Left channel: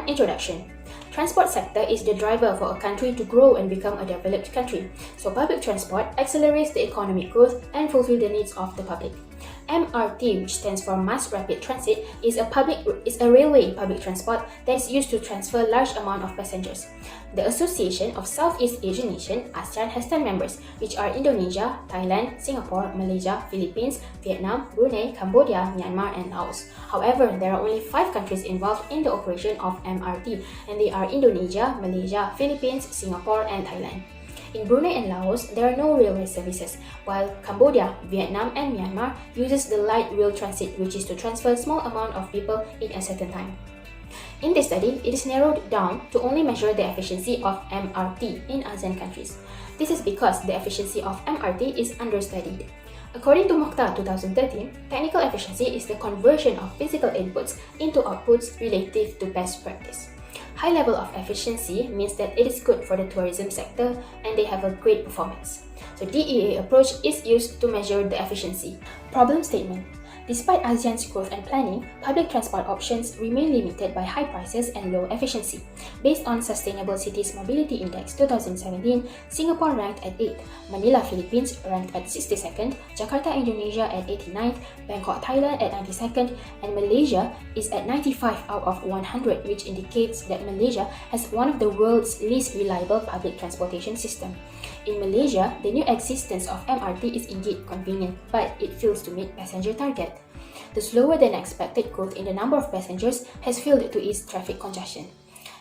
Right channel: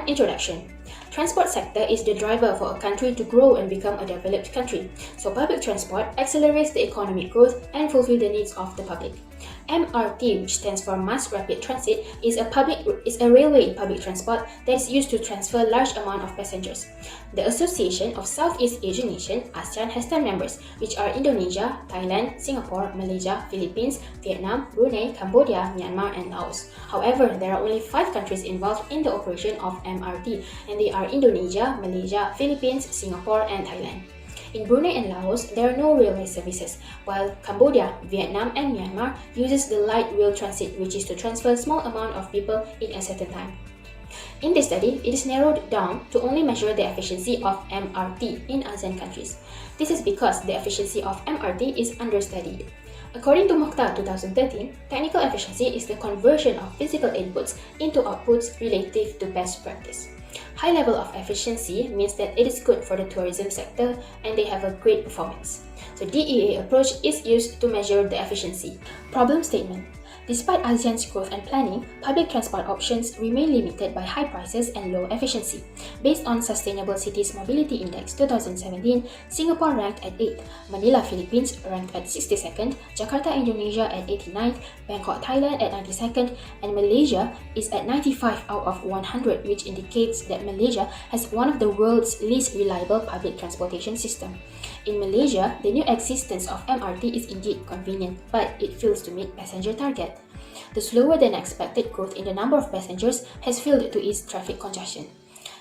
1. Introduction. Transport sector is the driver for a country to grow and become a developed country. So public transport accelerates the economic growth and fulfill the needs of the public. MRT, which stands for Mass Rapid Transit, is a railway public transport that is used to transfer large amount of passengers. The Association of Southeast Asian Nations, ASEAN, has 10 members, which are Indonesia, Thailand, Singapore, Malaysia, Philippines, Vietnam, Brunei, Cambodia, Myanmar, and Laos. However, there are only 5 countries involved in the operation of MRT, and they are Indonesia, Malaysia, Philippines, Singapore, and Thailand. In Brunei and Laos, there are no railway services, while Cambodia, Vietnam, and Myanmar uses the light rail transit, which is to transfer a small amount of people in a certain time. In this study, it is narrowed down to only measure the efficiency of MRT in ASEAN countries. This is because the efficiency of MRT is understudied. According to Mokhtar 2013, technical efficiency is the conversion of physical inputs into outputs relative to best practice. High level of efficiency means that it is good for the tourism sector and they have a great performance. So DEA approach is used to measure the efficiency. Problem statement. Despite ASEAN's growth and planning, public transport options remain limited by high prices and low efficiency. Based on Sustainable Cities Mobility Index 2017, Singapore ranked at 8th, Manila, Philippines ranked at 62nd, Jakarta, Indonesia at 89th, Bangkok, Thailand at 92nd, and Malaysia is at 95 out of 100, which indicates that Malaysia has one of the world's least reliable public transportation system. In Malaysia, the new existence of MRT is indeed convenient, but it fails to meet passenger target. The slower than expected growth in the number of passengers has failed to ease traffic congestion.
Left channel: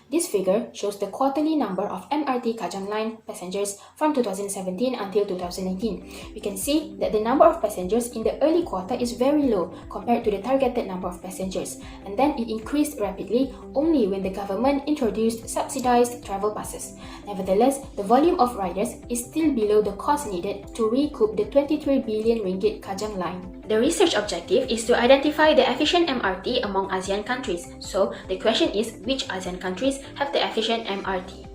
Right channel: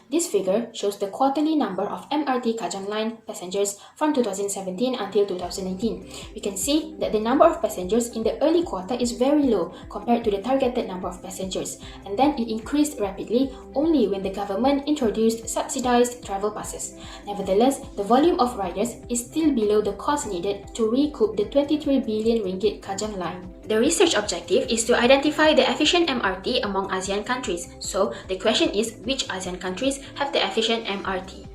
This figure shows the quarterly number of MRT Kajang Line passengers from 2017 until 2019. We can see that the number of passengers in the early quarter is very low compared to the targeted number of passengers, and then it increased rapidly only when the government introduced subsidized travel passes. Nevertheless, the volume of riders is still below the cost needed to recoup the 23 billion ringgit Kajang Line. The research objective is to identify the efficient MRT among ASEAN countries. So, the question is which ASEAN countries have the efficient MRT?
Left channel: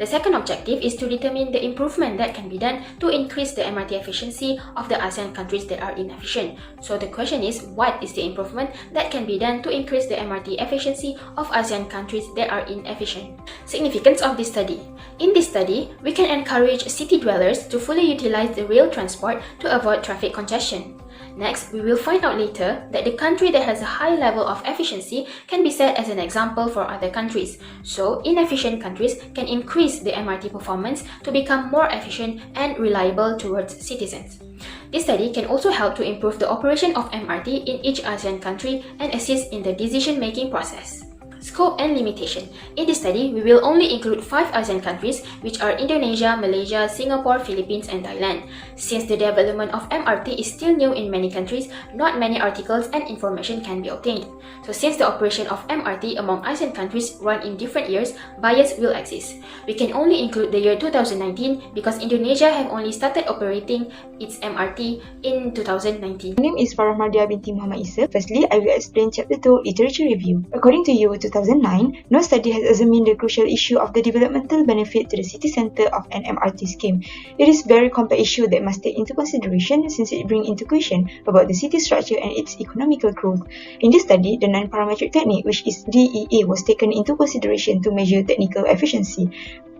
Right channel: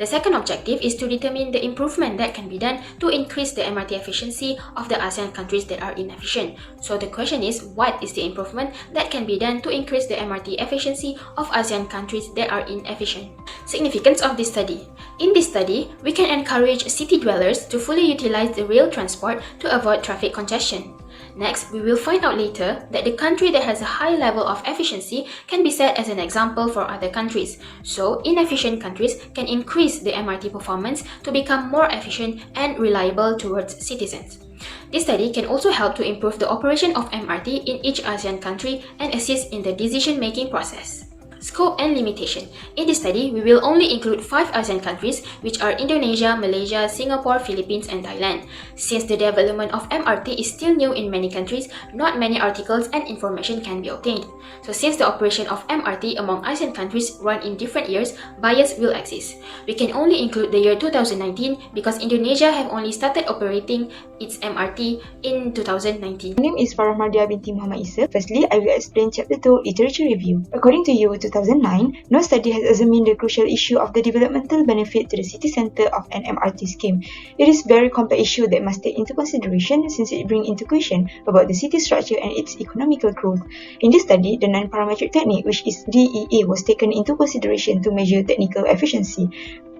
The second objective is to determine the improvement that can be done to increase the MRT efficiency of the ASEAN countries that are inefficient. So the question is, what is the improvement that can be done to increase the MRT efficiency of ASEAN countries that are inefficient? Significance of this study. In this study, we can encourage city dwellers to fully utilize the rail transport to avoid traffic congestion. Next, we will find out later that the country that has a high level of efficiency can be set as an example for other countries. So, inefficient countries can increase the MRT performance to become more efficient and reliable towards citizens. This study can also help to improve the operation of MRT in each ASEAN country and assist in the decision-making process. Scope and limitation. In this study, we will only include 5 ASEAN countries, which are Indonesia, Malaysia, Singapore, Philippines, and Thailand. Since the development of MRT is still new in many countries, not many articles and information can be obtained. So since the operation of MRT among ASEAN countries run in different years, bias will exist. We can only include the year 2019 because Indonesia have only started operating its MRT in 2019. My name is Farahmadia binti Muhammad Isa. Firstly, I will explain Chapter 2, Literature Review. According to you, 2009, no study has examined the crucial issue of the developmental benefit to the city centre of an MRT scheme. It is a very complex issue that must take into consideration since it brings into question about the city structure and its economical growth. In this study, the non-parametric technique, which is DEA, was taken into consideration to measure technical efficiency.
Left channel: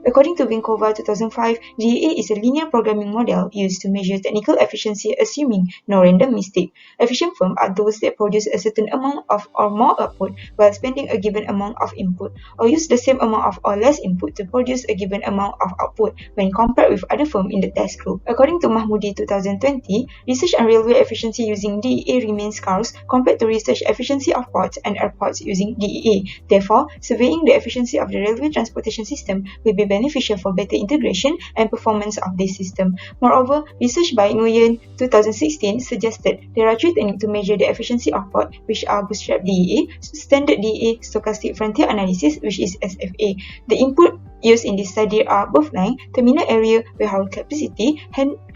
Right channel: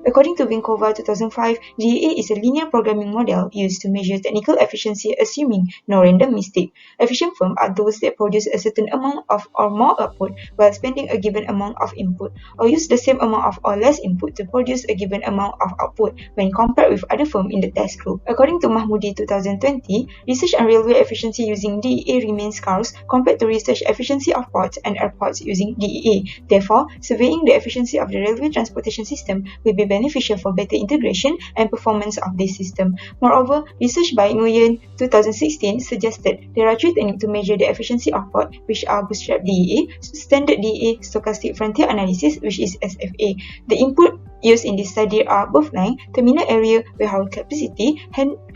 According to Vinkova 2005, DEA is a linear programming model used to measure technical efficiency assuming no random mistake. Efficient firms are those that produce a certain amount of or more output while spending a given amount of input, or use the same amount of or less input to produce a given amount of output when compared with other firms in the test group. According to Mahmoudi 2020, research on railway efficiency using DEA remains scarce compared to research efficiency of ports and airports using DEA. Therefore, surveying the efficiency of the railway transportation system will be beneficial for better integration and performance of this system. Moreover, research by Nguyen 2016 suggested there are 3 techniques to measure the efficiency of port, which are bootstrap DEA, standard DEA, stochastic frontier analysis, which is SFA. The input used in this study are both line, terminal area, warehouse capacity,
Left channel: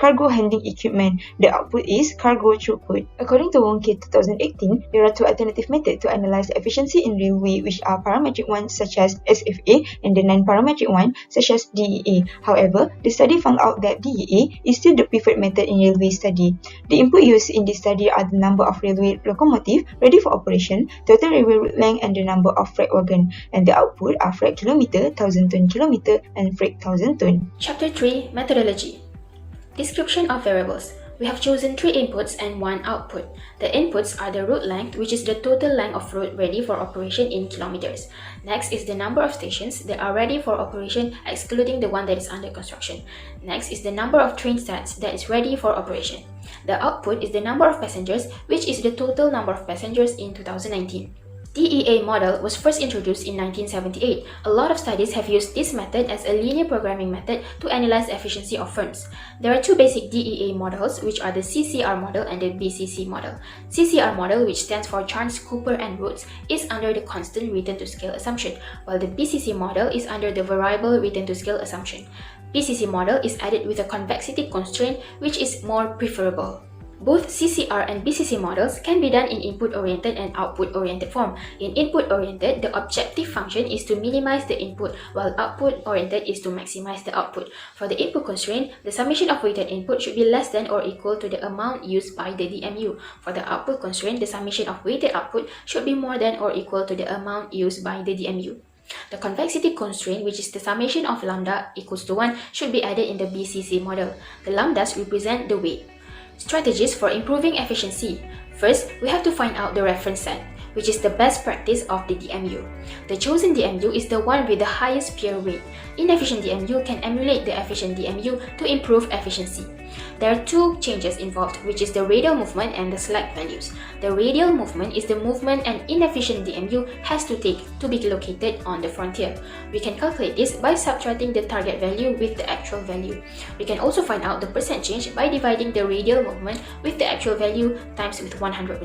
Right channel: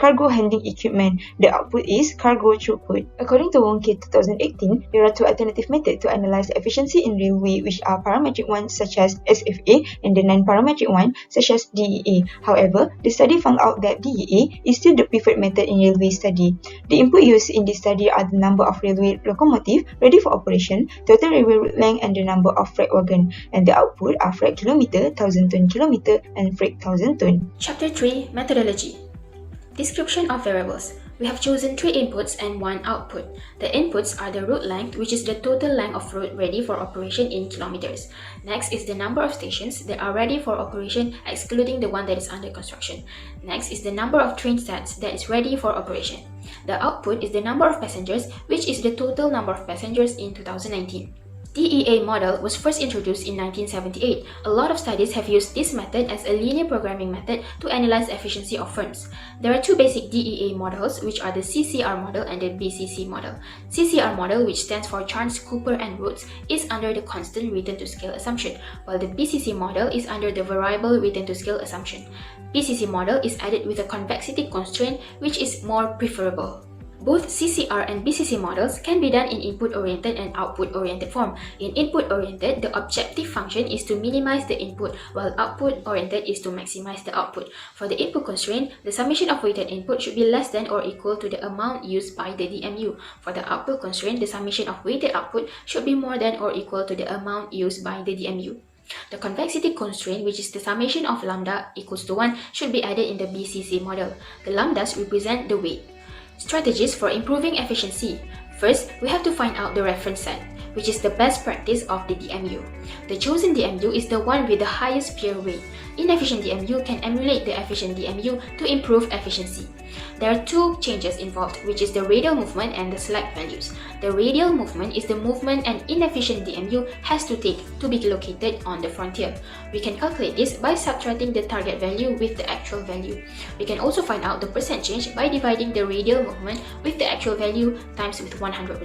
cargo handling equipment. The output is cargo throughput. According to Wong K 2018, there are 2 alternative methods to analyze efficiency in railway, which are parametric ones such as SFA and the non-parametric one such as DEA. However, the study found out that DEA is still the preferred method in railway study. The input used in this study are the number of railway locomotives ready for operation, total railway route length, and the number of freight wagon. And the output are freight kilometer, 1000-ton kilometer, and freight 1000-ton. Chapter 3 Methodology. Description of variables. We have chosen 3 inputs and 1 output. The inputs are the route length, which is the total length of route ready for operation in kilometers. Next is the number of stations that are ready for operation, excluding the one that is under construction. Next is the number of train stands that is ready for operation. The output is the number of passengers, which is the total number of passengers in 2019. DEA model was first introduced in 1978. A lot of studies have used this method as a linear programming method to analyze efficiency of firms. There are 2 basic DEA models, which are the CCR model and the BCC model. CCR model, which stands for Chance, Cooper, and Rhodes, is under the constant return-to-scale assumption, while the BCC model is under the variable return-to-scale assumption. BCC model is added with a convexity constraint, which is more preferable. Both CCR and BCC models can be done in input-oriented and output-oriented form. In input-oriented, the objective function is to minimize the input, while output-oriented is to maximize the output. For the input constraint, the summation of weighted input should be less than or equal to the amount used by the DMU. For the output constraint, the summation of weighted output should be more than or equal to the amount used by the DMU. The convexity constraint, which is the summation of lambda equals to 1, should be added in the BCC model. The lambdas represent the weight. Strategies for improving efficiency. First, we have to find out the reference set, which is the best practice of the DMU. The chosen DMU is the one with the highest peer weight. Inefficient DMU can emulate the efficient DMU to improve efficiency. There are 2 changes involved, which is the radial movement and the slack values. The radial movement is the movement an inefficient DMU has to take to be located on the frontier. We can calculate this by subtracting the target value with the actual value. We can also find out the percent change by dividing the radial movement with the actual value times with 100%.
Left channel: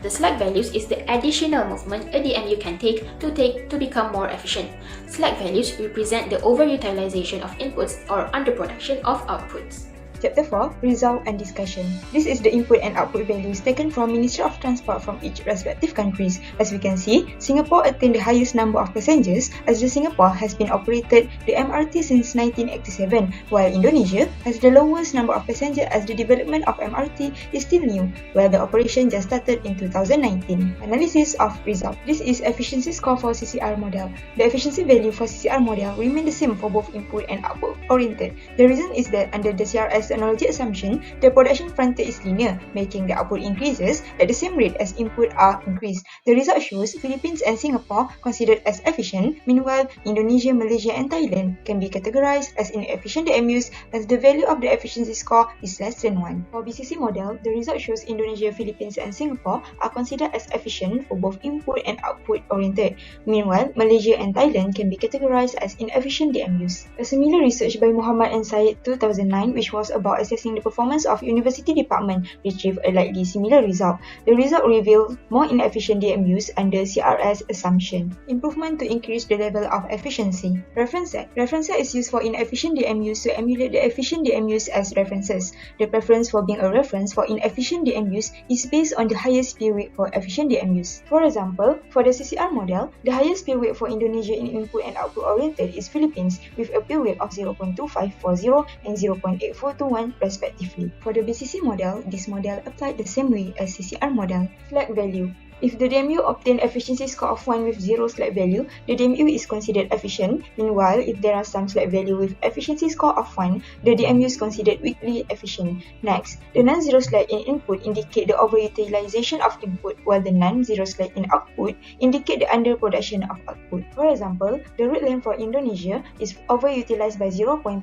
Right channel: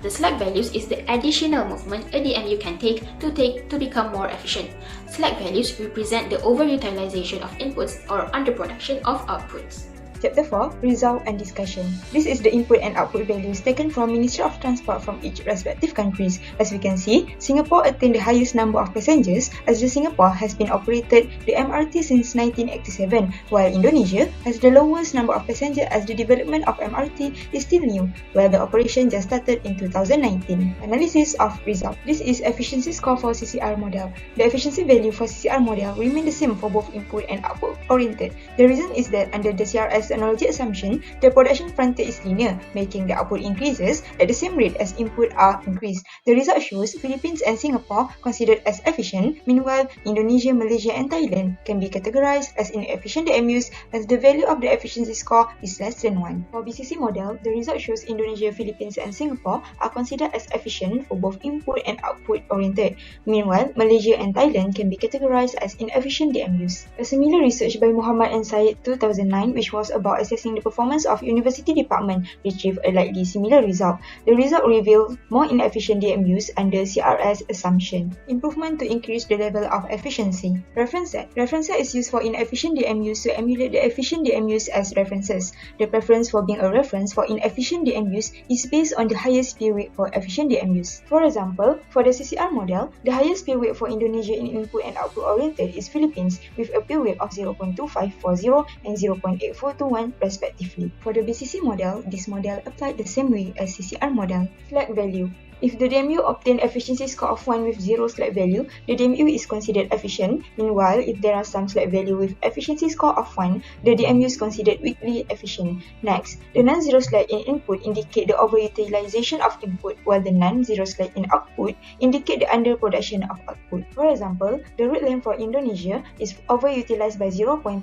The slack values is the additional movement a DMU can take to become more efficient. Slack values represent the overutilization of inputs or underproduction of outputs. Chapter 4 Result and Discussion. This is the input and output values taken from Ministry of Transport from each respective countries. As we can see, Singapore attained the highest number of passengers as the Singapore has been operated the MRT since 1987, while Indonesia has the lowest number of passengers as the development of MRT is still new, while the operation just started in 2019. Analysis of result. This is efficiency score for CCR model. The efficiency value for CCR model remain the same for both input and output oriented. The reason is that under the CRS analogy assumption, the production frontier is linear, making the output increases at the same rate as input are increased. The result shows Philippines and Singapore considered as efficient, meanwhile Indonesia, Malaysia, and Thailand can be categorized as inefficient DMUs as the value of the efficiency score is less than 1. For BCC model, the result shows Indonesia, Philippines, and Singapore are considered as efficient for both input and output oriented. Meanwhile, Malaysia and Thailand can be categorized as inefficient DMUs. A similar research by Muhammad and Syed 2009, which was about assessing the performance of university department, retrieved a likely similar result. The result revealed more inefficient DMUs under CRS assumption. Improvement to increase the level of efficiency. Reference set. Reference set is used for inefficient DMUs to emulate the efficient DMUs as references. The preference for being a reference for inefficient DMUs is based on the highest pay weight for efficient DMUs. For example, for the CCR model, the highest pay weight for Indonesia in input and output oriented is Philippines with a pay weight of 0.2540 and 0.8421 respectively. For the BCC model, this model applied the same way as CCR model. Slack value. If the DMU obtained efficiency score of 1 with 0 slack value, the DMU is considered efficient. Meanwhile, if there are some slack value with efficiency score of 1, the DMU is considered weakly efficient. Next, the non-zero slack in input indicate the overutilization of input, while the non-zero slack in output indicate the underproduction of output. For example, the route length for Indonesia is overutilized by 0.44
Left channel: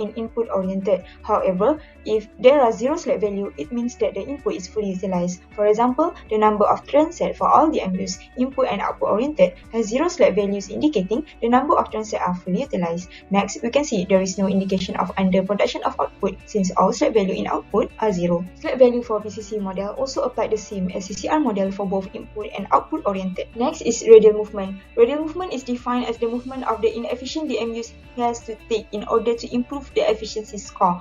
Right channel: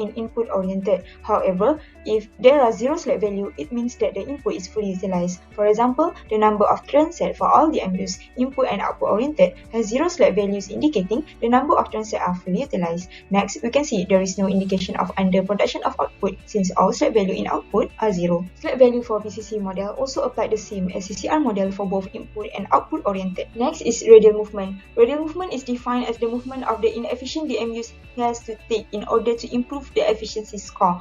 in input oriented. However, if there are 0 slack value, it means that the input is fully utilized. For example, the number of transit for all DMUs, input and output oriented, has 0 slack values indicating the number of transit are fully utilized. Next, we can see there is no indication of underproduction of output since all slack value in output are 0. Slack value for BCC model also applied the same as CCR model for both input and output oriented. Next is radial movement. Radial movement is defined as the movement of the inefficient DMUs has to take in order to improve the efficiency score.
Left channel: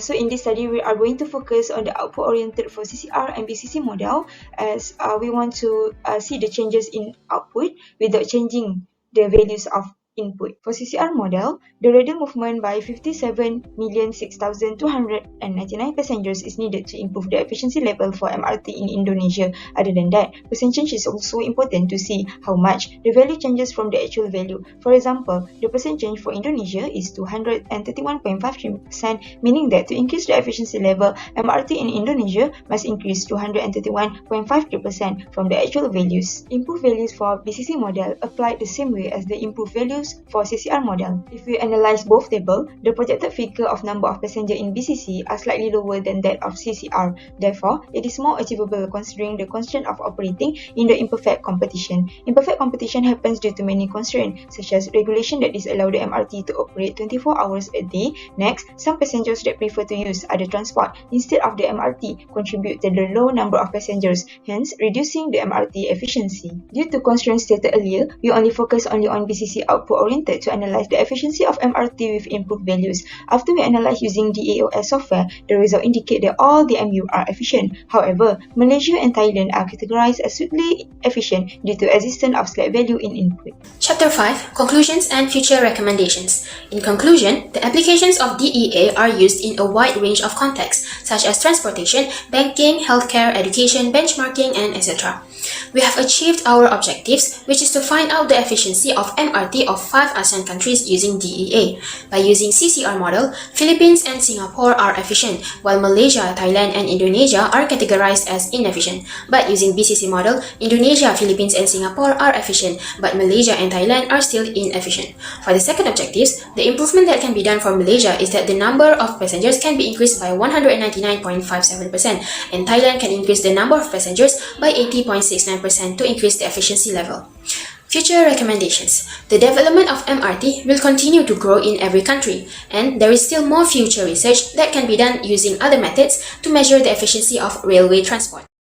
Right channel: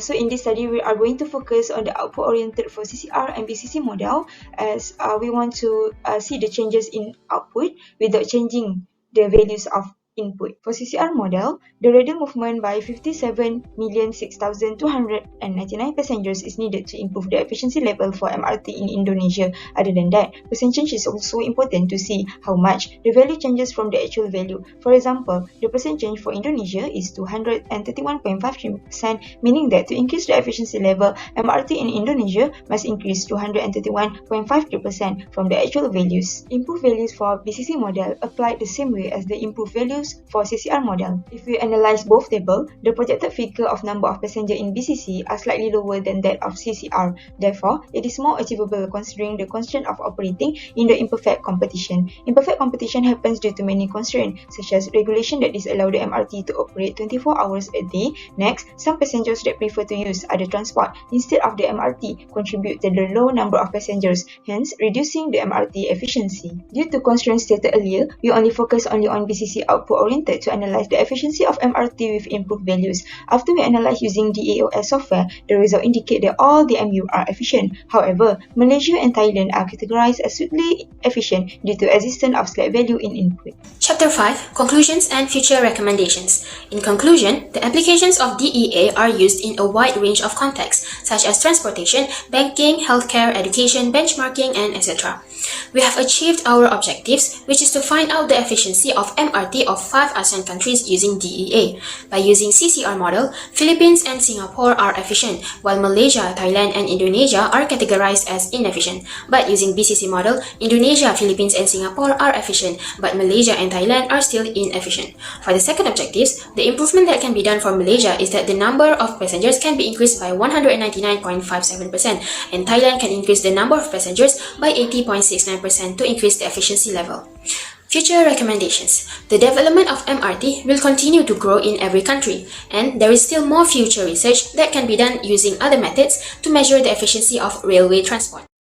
So in this study, we are going to focus on the output oriented for CCR and BCC model as we want to see the changes in output without changing the values of Input. For CCR model, the radial movement by 57,006,299 passengers is needed to improve the efficiency level for MRT in Indonesia. Other than that, percentage is also important to see how much the value changes from the actual value. For example, the percent change for Indonesia is 231.53%, meaning that to increase the efficiency level, MRT in Indonesia must increase 231.53% from the actual values. Improved values for BCC model applied the same way as the improved values for CCR model. If we analyze both tables, the projected figure of number of passengers in BCC are slightly lower than that of CCR. Therefore, it is more achievable considering the constraint of operating in the imperfect competition. Imperfect competition happens due to many constraints, such as regulation that disallow the MRT to operate 24 hours a day. Next, some passengers that prefer to use other transport instead of the MRT contribute to the low number of passengers, hence reducing the MRT efficiency. Due to constraints stated earlier, we only focus only on BCC output oriented to analyze the efficiency of MRT with input values. After we analyze using the AOS software, the result indicate that all the MU are efficient. However, Malaysia and Thailand are categorized as suitably efficient due to existence of slight value in input. Chapter 5, Conclusions and Future Recommendations. In conclusion, the applications of DEA are used in a wide range of contexts, such as transportation, banking, healthcare, education, benchmarking, and etc. We have achieved our objectives, which is to find out the efficiency of MRT of 5 ASEAN countries using DEA. By using CCR model, Philippines and Singapore are efficient, while Malaysia, Thailand, and Indonesia are categorized as inefficient. But using BCC model, Indonesia, Philippines, and Singapore are efficient, but Malaysia and Thailand are still inefficient. For the second objectives, the improvement that can be done for Malaysia is that the number of passengers can be increased by 199.57%, and Thailand can increase the number of passengers by 80.69% to increase the efficiency level. Future recommendations. The development of MRT will continue to grow in every country, and there is still more future research that can be done using other methods to measure the efficiency of railway transport.